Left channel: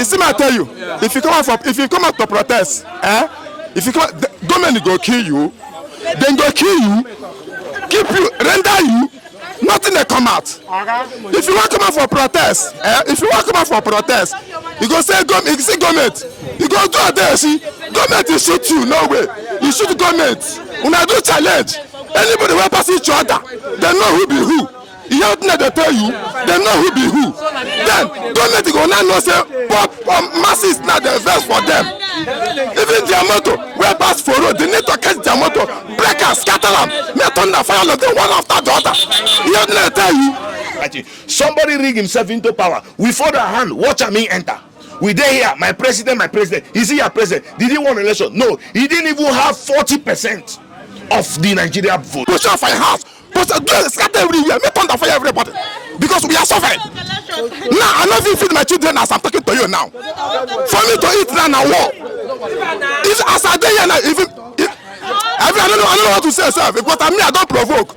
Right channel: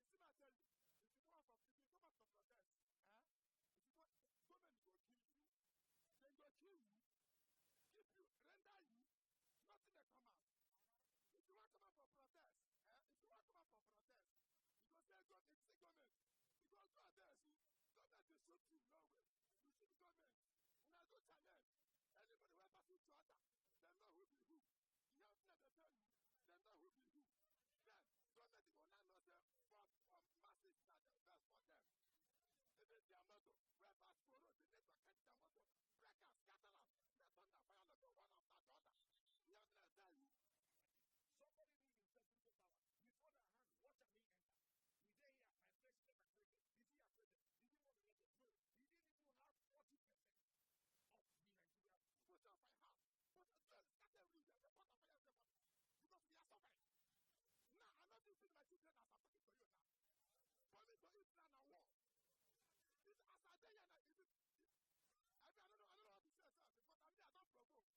You see, I tell you, if you come out to protest, the government go kill you, then go kill you, keep you, render you. Nothing they come out. If you want to come out for protest, you go say government. You go do it there, see, government will shoot you, no way. You shoot government. When I do challenge, anybody will pass each other. They know who be who. You have to they tell you, they know who be who. Then government go now know say, but masses not the best for them. Even their motor, where pass for road, they need to catch their motor, break and scatter them, make thunder fire them one after the other. You have to tell you. Somebody rig himself into power. We fold our hand, watch me enter. We there here, my president. Is he your president? Did he win an election? No, he didn't even have 40% of the Nigeria vote. Push off my house. Scatter everywhere, make thunder fire everybody. Because we are suffering. Now I not even feed my children as I'm talking to you now. For me to eat now war. If as I day now, even I don't know what to say, sir. Because I don't provoke.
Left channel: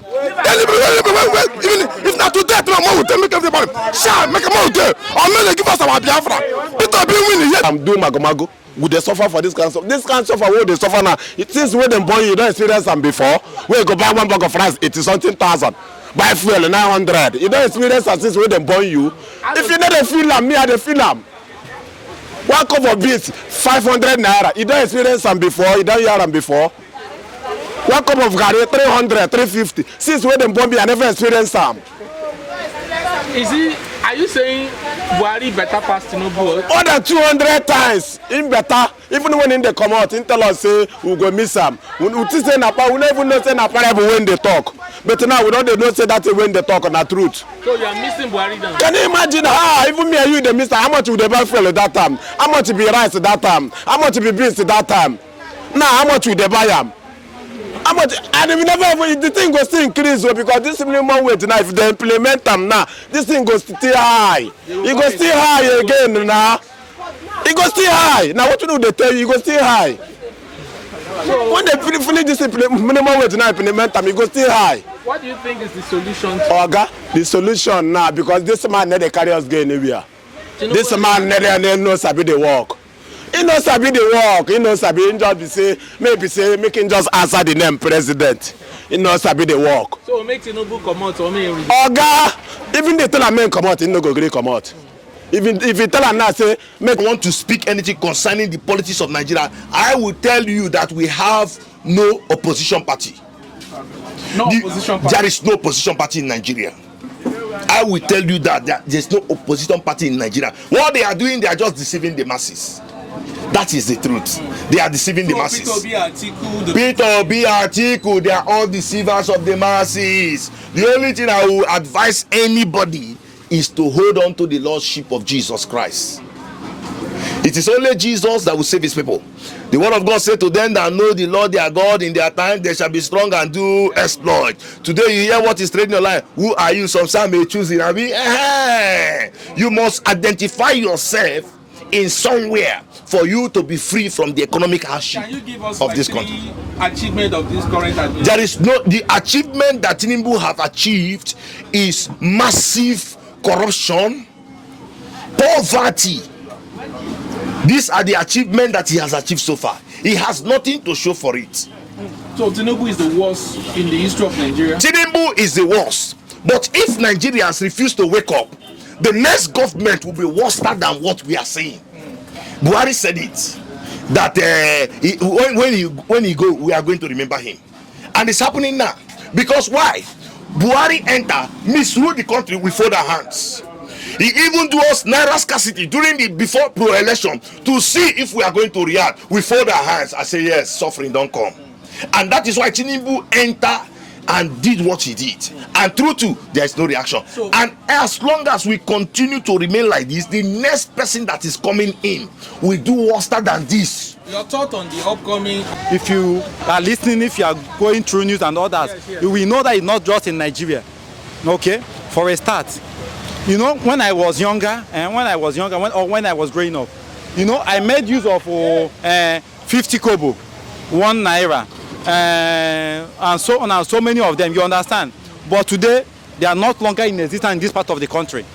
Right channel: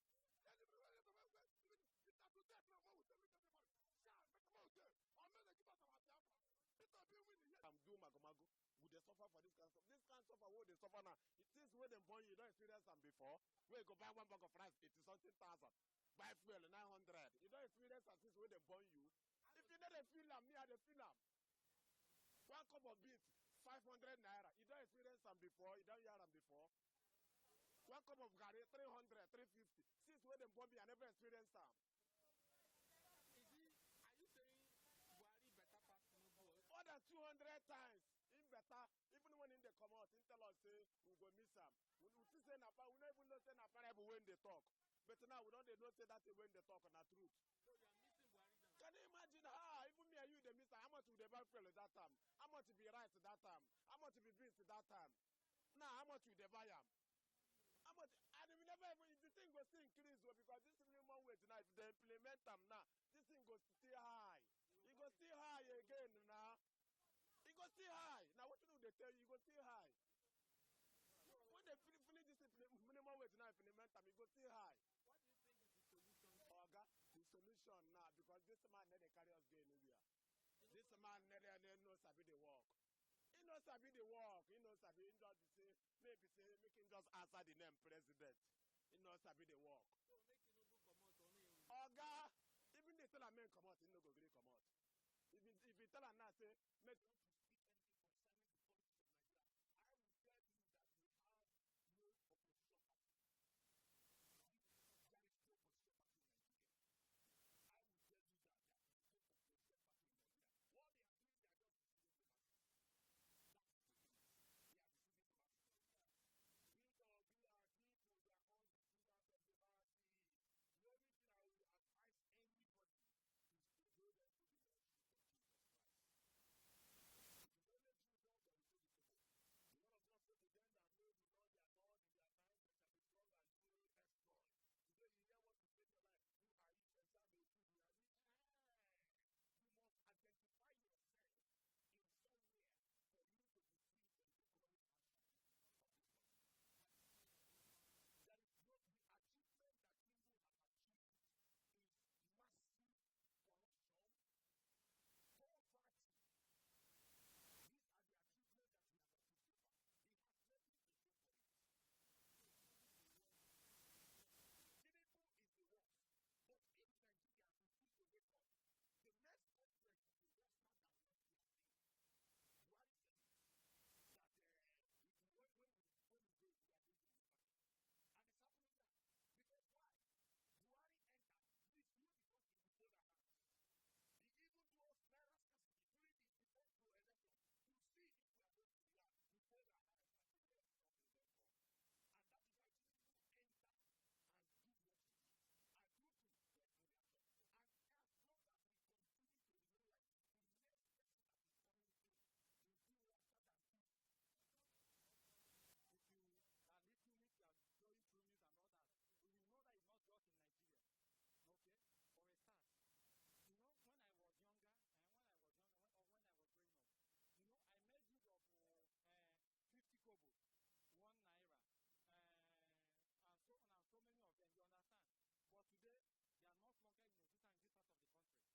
Even if not today, tomorrow will make everybody. Shall make a more day. Or may they give us our Biafra. It be winning yet. I'm doing magomago. Would they suffer for this kind of stuff? This kind of stuff, what they suffer now? It is when they born you don't experience them before. When you go buy one bag of rice, it is something thousand. Buy fuel 900. You don't experience that since when they born you. If you don't feel them, me I dey feel them. One cup of beans, 500 naira. You don't experience them before. You don't hear them before. One cup of garri, 300, 350. Since when they born me, I never experienced them. Are you saying Buhari better pass Tinubu? More than 200 times. In better. Even when they come out, in tell us say we go miss them. We never even know say Napa when they talk. But now we don't know say that when they talk on the truth. So you are missing Buhari now? Can you imagine even me and you they miss how much would they buy fuel at that time? How much would be rice at that time? How much would be beans at that time? Now how much would they buy them? How much? And we never the thing goes still increase because this minimum wage now, if they implement them now, this thing goes still high. It goes still high again now. It goes still high. Now what do they tell you? It goes still high. So when they finish this minimum wage now implement them, it goes still high. What do you think is the solution? Oga, the solution now because this man never carry us go anywhere. This man never knows how to work. He knows sabi the work. He knows sabi. He just be say maybe say make him just answer the name president. He knows sabi the work. So make Tinubu come out or make him. Oga, even they tell a man come out, he no go gree come out. Even if you tell a man say make want to speak anything concerning the politics of Nigeria, I will tell you that we have no opposition party. Opposition party. There is no opposition party in Nigeria. I will tell you that there's no opposition party in Nigeria. What they are doing, they are just deceiving the masses. That is the truth. They are deceiving the masses. Peter Obi, Atiku, they are all deceivers of the masses. The only thing I will advise anybody is to hold on to the lordship of Jesus Christ. It is only Jesus that will save his people. The word of God said to them that know the Lord their God, in their time they shall be strong and do exploit. Today you hear what is trading your life. Who are you? Some may choose it. You must identify yourself in somewhere for you to be free from the economic hardship of this country. Achievement of this current administration? There is no, the achievement that tinubu have achieved is massive corruption, poverty. These are the achievements that he has achieved so far. He has nothing to show for it. So Tinubu is the worst in the history of Nigeria? Tinubu is the worst. But if Nigerians refuse to wake up, the next government will be worse than what we are saying. Buhari said it, that when he go, we are going to remember him. And it's happening now. Because why? Buhari enter, misrule the country, we fold our hands. He even do us naira scarcity during the before pro-election to see if we are going to react. We fold our hands. I say yes, suffering don't come. And that is why Tinubu enter and did what he did. And true too, there is no reaction. So, and as long as we continue to remain like this, the next person that is coming in will do worse than this. Your thought on the upcoming... If you are listening, if you are going through news and all that, yes. You will know that it's not just in Nigeria. Okay? For a start. You know, when I was younger, when I was growing up, you know, I made use of 50 kobo, 1 naira, and so on and so many of them, you understand. But today, they are not longer in existence in this part of the country.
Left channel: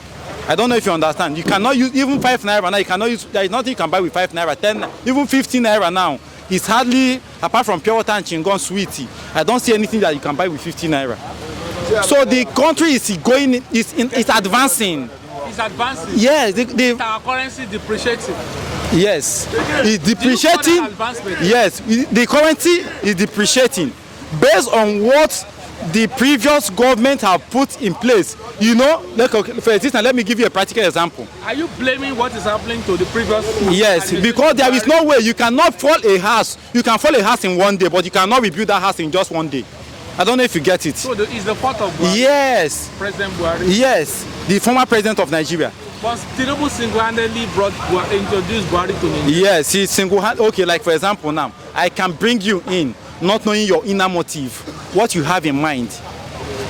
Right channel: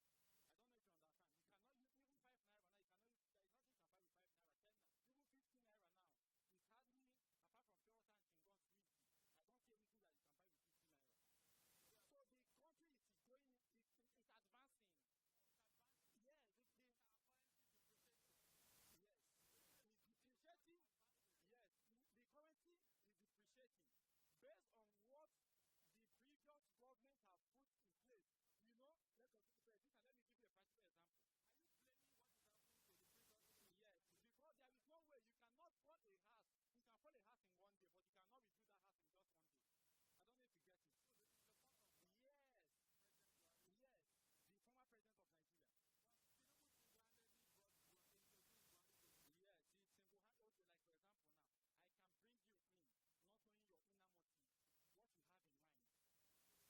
I don't know if you understand. You cannot use even 5 naira now. You cannot use. There is nothing you can buy with 5 naira, 10, even 15 naira now. It's hardly, apart from pure water and chingon sweetie, I don't see anything that you can buy with 15 naira. So the country is going, it's advancing. It's advancing. Yes, Our currency depreciating. yes, it's depreciating. Yes, the currency is depreciating based on what the previous government have put in place. You know, for instance, let me give you a practical example. Are you blaming what is happening to the previous? Yes, because there is no way you cannot fall a house. You can fall a house in one day, but you cannot rebuild that house in just one day. I don't know if you get it. So it's the fault of Buhari? Yes. President Buhari? Yes, the former president of Nigeria. But Tinubu single-handedly introduced Buhari to Nigeria. Yes, he single-handedly. Okay, like for example now, I can bring you in, not knowing your inner motive, what you have in mind.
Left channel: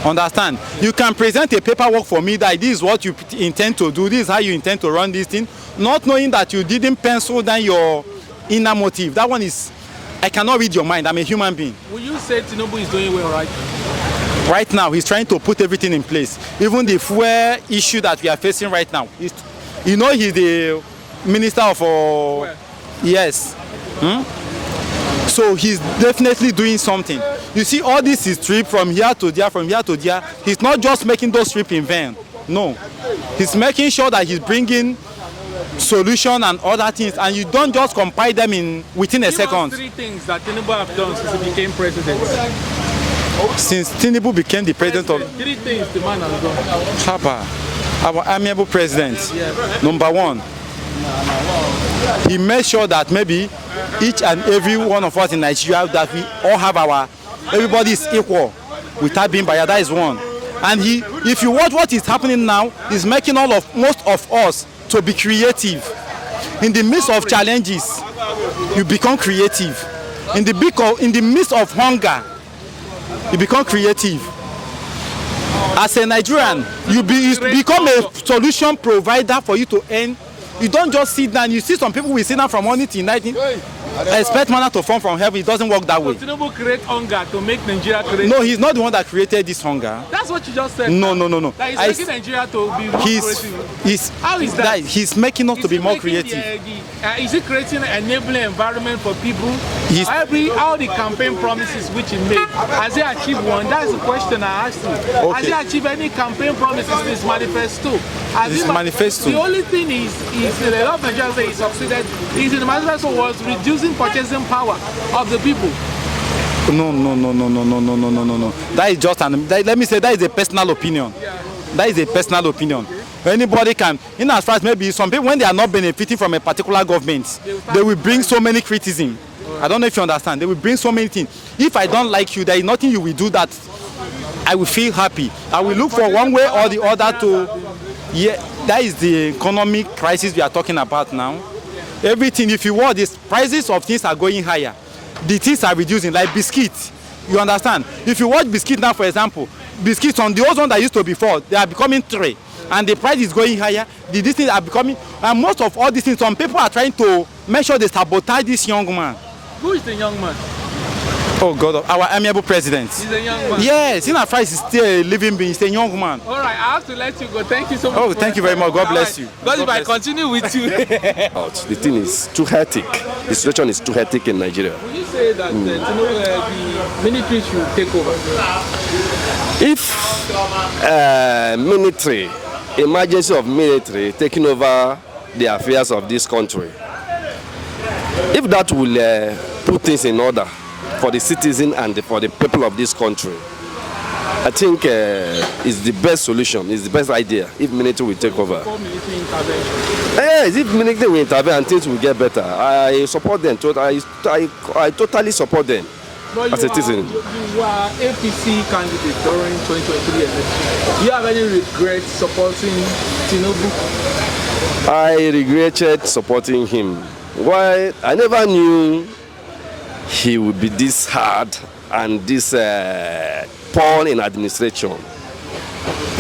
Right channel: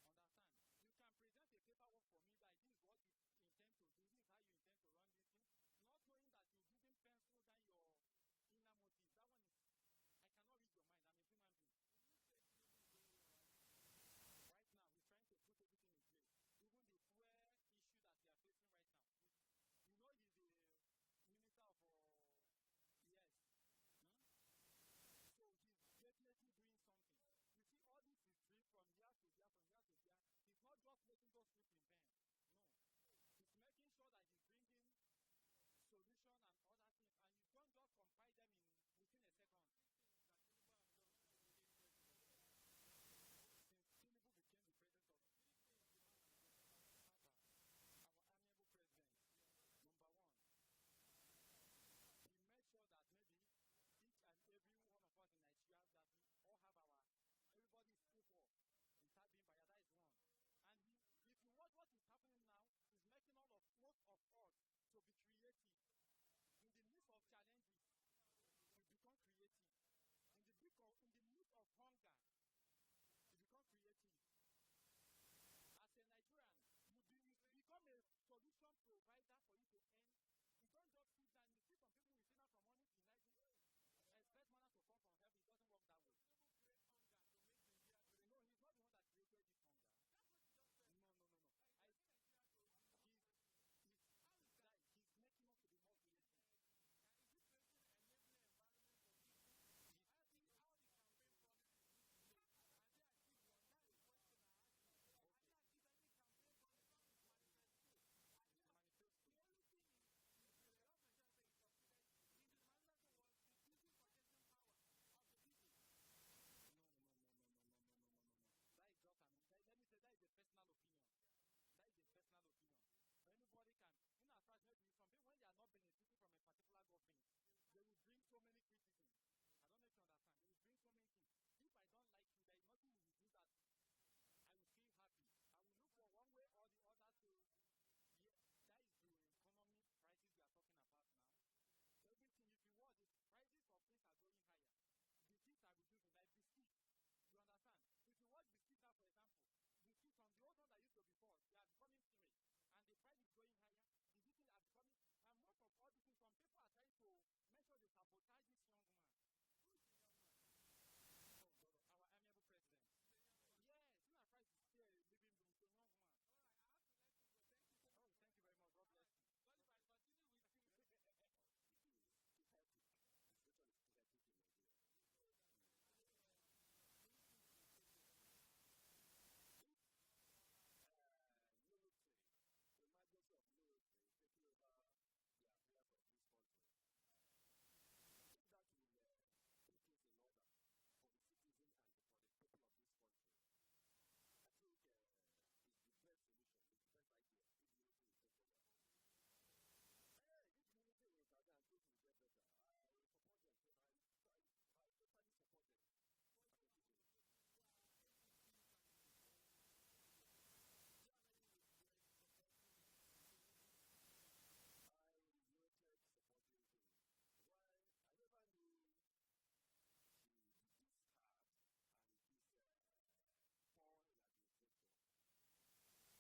Understand? You can present a paperwork for me that this is what you intend to do, this is how you intend to run this thing, not knowing that you didn't pencil down your inner motive. That one is, I cannot read your mind. I'm a human being. Will you say Tinubu is doing well right now? Right now, he's trying to put everything in place. Even the fuel issue that we are facing right now. You know, he's the minister of... yes. So he's definitely doing something. You see, all this is trip from here to there, from here to there. He's not just making those trips in vain. No. He's making sure that he's bringing solution and other things, and you don't just compile them within a second. Give us 3 things that Tinubu have done since he became president. Since Tinubu became the president of... 3 things the man has done. Chapa, our amiable president, number 1, he made sure that maybe each and every one of us in Nigeria, that we all have everybody is equal without being biased. That is one. And if you watch what is happening now, he's making most of us to be creative. In the midst of challenges, you become creative. In the midst of hunger, you become creative. As a Nigerian, you become a solution provider for you to earn. You don't just sit down. You see some people will sit down from morning till night, expect manna to fall from heaven. It doesn't work that way. So Tinubu create hunger to make Nigeria create. No, he's not the one that created this hunger. That's what you just said. No. That he's making Nigeria to be more creative. How is that? He's making us to be more creative. Is he creating an enabling environment for people? All the campaign promises which he made, has he achieved one? That's the question I asked you. Okay. Has he achieved any campaign promises in his manifesto? Manifesto. The only thing is a lot of Nigerians say he succeeded. In the manifesto was reducing purchasing power of the people. No. That is just let me say that is a personal opinion. That is a personal opinion. Anybody can, in as far as maybe some people, when they are not benefiting from a particular government, they will bring so many criticism. I don't know if you understand. They will bring so many things. If I don't like you, there is nothing you will do that I will feel happy. I will look for one way or the other to, that is the economic crisis we are talking about now. Everything, if you want, the prices of things are going higher. The things are reducing, like biscuits. You understand? If you watch biscuits now, for example, biscuits on the old one that used to be 4, they are becoming 3. And the price is going higher. These things are becoming, and most of all these things, some people are trying to make sure they sabotage this young man. Who is the young man? Oh God, our amiable president. He's a young man. Yes, in our price is still a living being. He's a young man. All right, I have to let you go. Thank you so much. Oh, thank you very much. God bless you. God, if I continue with you. The thing is too hectic. The situation is too hectic in Nigeria. Will you say that the military should take over? If military, emergency of military taking over the affairs of this country, if that will put things in order for the citizen and for the people of this country, I think it's the best solution, it's the best idea if military will take over. Military intervention. Yes, if military will intervene and things will get better, I support them. I totally support them as a citizen. You are APC candidate during 2023 election. Do you have any regrets supporting Tinubu? I regretted supporting him. Why? I never knew he would be this hard and this poor in administration.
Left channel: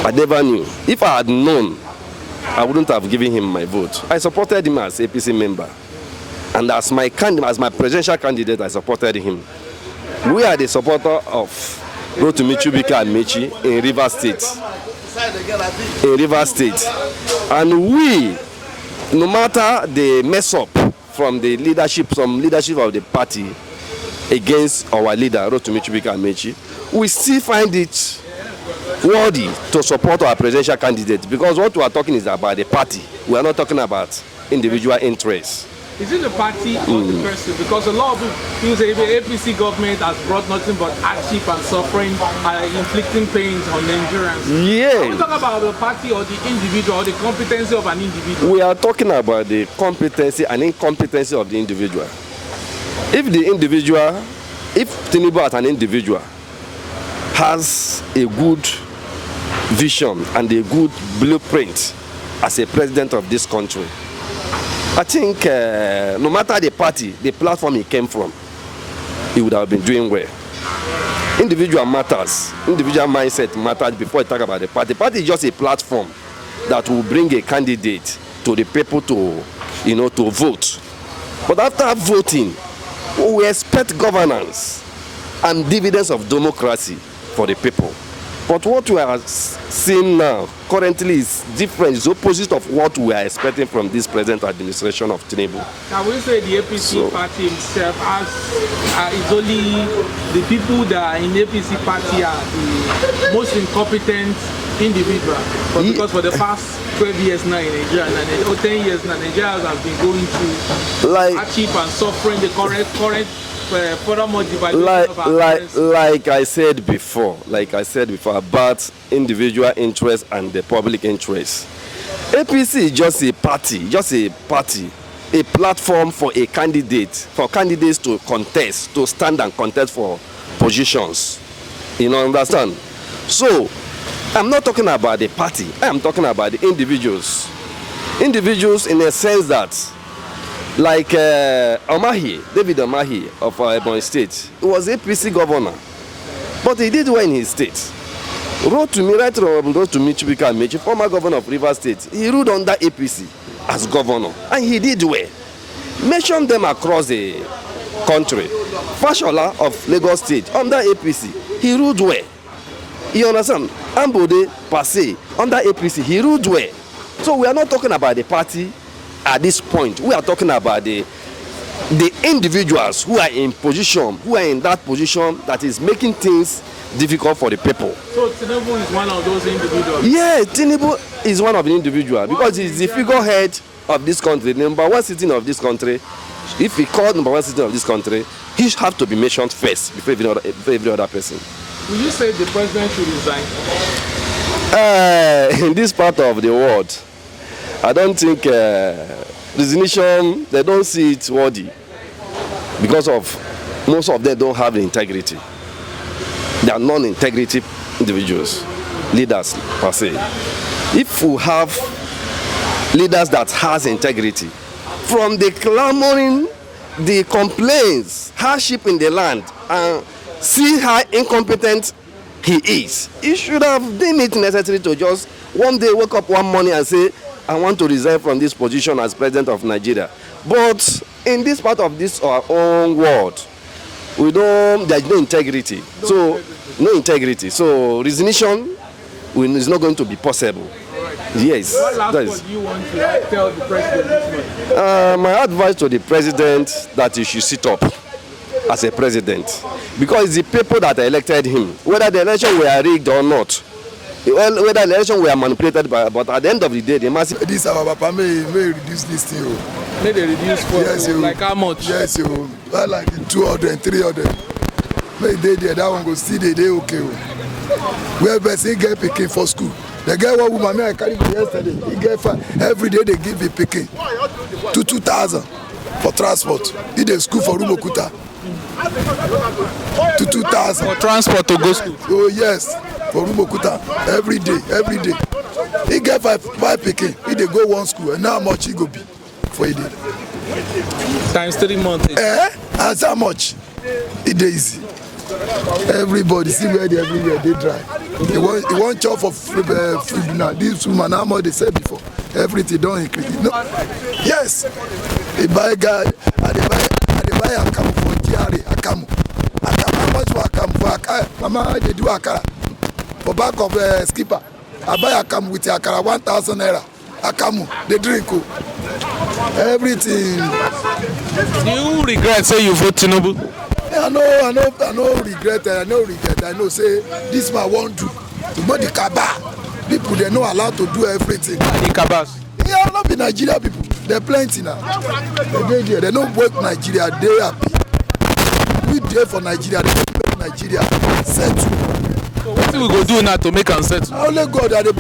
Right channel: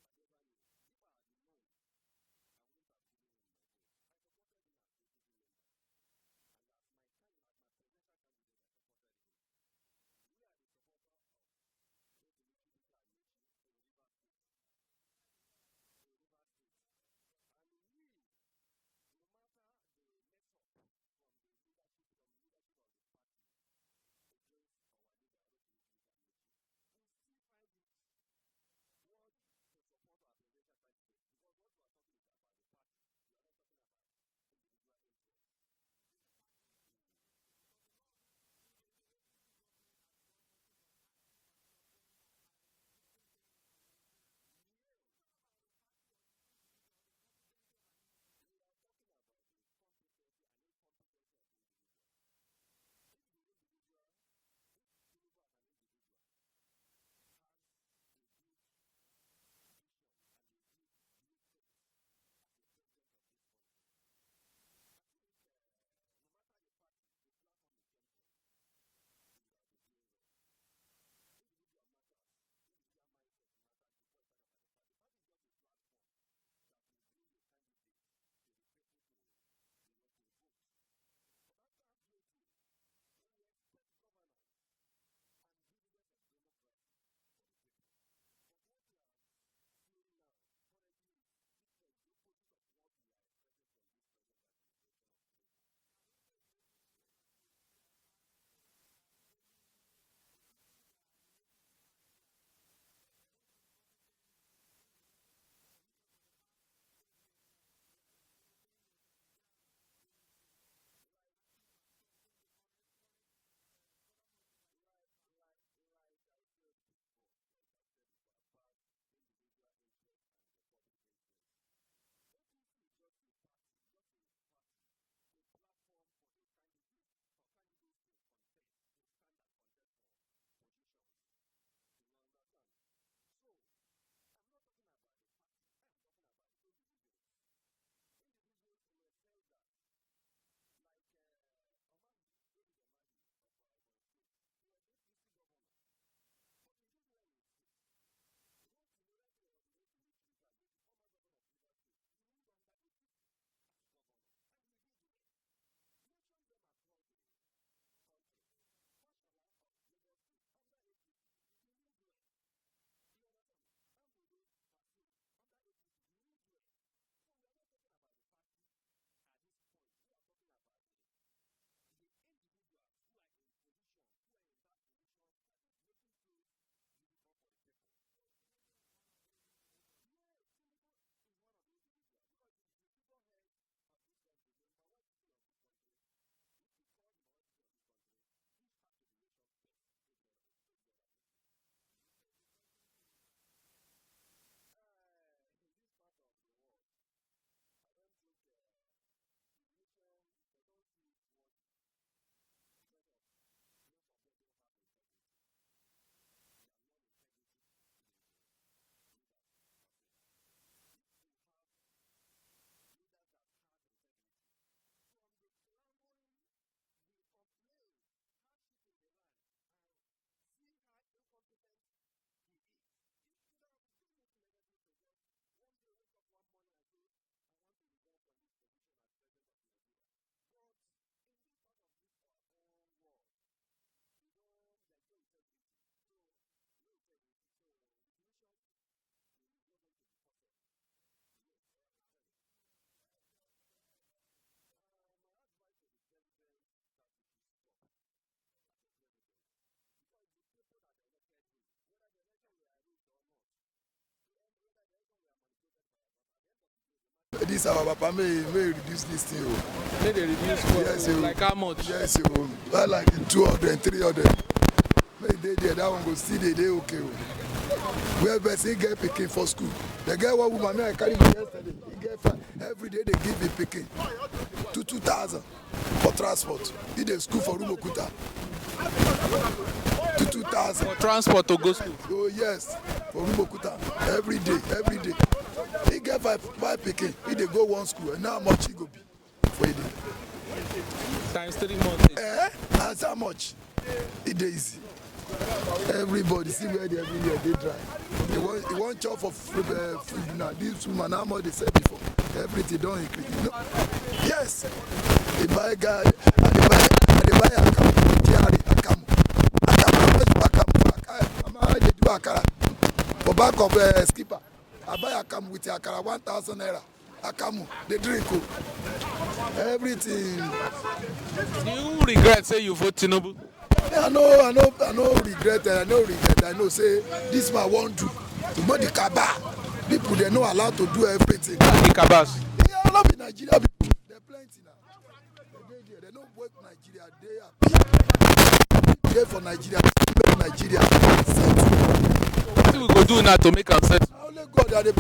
I never knew. If I had known, I wouldn't have given him my vote. I supported him as APC member. And as my presidential candidate, I supported him. We are the supporter of Rotimi Chubika and Mechi in Rivers State. in Rivers State. And we, no matter the mess up from the leadership, some leadership of the party against our leader, Rotimi Amechi, we still find it worthy to support our presidential candidate, because what we are talking is about the party. We are not talking about individual interests. Is it the party or the person? Because a lot of people say the APC government has brought nothing but hardship and suffering, inflicting pains on Nigerians. Yeah. Are we talking about the party or the individual or the competency of an individual? We are talking about the competency and incompetency of the individual. If Tinubu as an individual has a good vision and a good blueprint as a president of this country, I think no matter the party, the platform he came from, he would have been doing well. Individual matters, individual mindset matters before you talk about the party. The party is just a platform that will bring a candidate to the people to vote. But after voting, we expect governance and dividends of democracy for the people. But what we are seeing now currently is different. It's opposite of what we are expecting from this present administration of Tinubu. Now, we say the APC party itself is only the people that are in the APC party are the most incompetent individual. But because for the past 12 years now in Nigeria, or 10 years now, Nigerians have been going through hardship and suffering the current like I said before about individual interest and the public interest. APC is just a party, a platform for candidates to contest, to stand and contest for positions. You know, understand? So I'm not talking about the party, I'm talking about the individuals. Individuals in a sense that, like David Omahi of Ebonyi State, he was APC governor, but he did well in his state. Rotimi Chukwuka Amechi, former governor of Rivers State, he ruled under APC as governor, and he did well. Mention them across the country. Fashola of Lagos State, under APC, he ruled well. You understand? Ambode Pase, under APC, he ruled well. So we are not talking about the party. At this point, we are talking about the individuals who are in that position that is making things difficult for the people. So Tinubu is one of those individuals? Yeah, Tinubu is one of the individuals because he's the figurehead of this country, the number one citizen of this country. If he called number one citizen of this country, he should have to be mentioned first before every other person. Will you say the president should resign? In this part of the world, I don't think resignation, they don't see it worthy because of most of them don't have the integrity. They are non-integrity individuals, leaders per se. If we have leaders that has integrity, from the clamoring, the complaints, hardship in the land, and see how incompetent he is, he should have deemed it necessary to just one day wake up one morning and say, I want to resign from this position as president of Nigeria. But in this part of this our own world, there's no integrity. No integrity. So resignation is not going to be possible. Yes. What last word do you want to tell the president this morning? My advice to the president that he should sit up as a president, because it's the people that elected him, whether the election were rigged or not. Well, whether the election were manipulated by, but at the end of the day, the massive. This our papa may reduce this thing. May they reduce what? Yes, like how much? Yes, well, like 200, 300. May they there, that one go see they okay. Where person get picking for school. The guy one woman me I carry yesterday. He get every day they give me picking to 2,000 for transport. He dey school for Rumokuta. To 2,000 for transport to go school. Oh yes, for Rumokuta every day. He get five picking. He dey go one school and now how much he go be for a day? Times 3 months. That's how much? It is easy. Everybody see where they everywhere they dry. They want chop for food now. This woman how much they said before. Everything don't increase. No. Yes. They buy guy Mama, they do a car for back of skipper. I buy akamu with akara 1,000 naira. Akamu, they drink. Everything. Do you regret say you vote Tinubu? I know regret. I know say this man won't do. To know the Kaba, people they not allowed to do everything. Yeah, the Nigeria people, they're plenty now. They don't work Nigeria. They are we there for Nigeria. Nigeria settle. What do we go do now to make us settle? Only God that they